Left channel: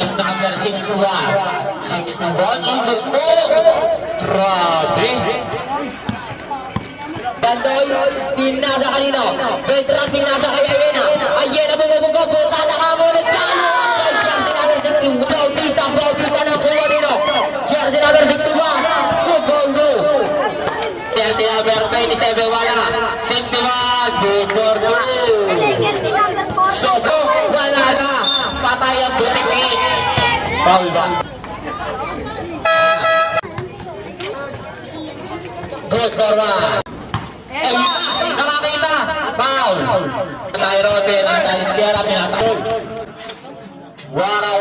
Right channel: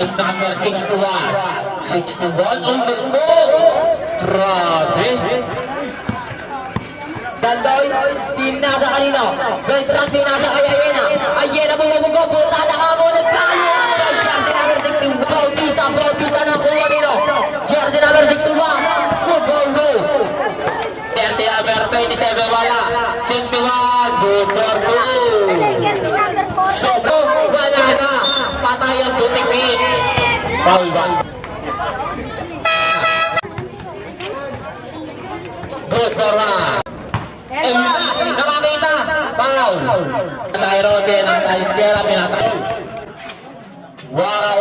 Number 61. 61 ulit po. Grabe. Dandoy, pinasa kanino. Beltran, pinasa kay Ayena. Ayena bumabugo, punta na ka ngunit kaluan. Jersey number 61, Bautista na po kanino. Jersey number 61, go. Jersey number 27, wala. 61, good for goal. Sobo, wala na. Patay ang tutipid. Bawal. Good for one. Nakakita. Foul. Tayo rote ng tayo sigara pinasa. Wow,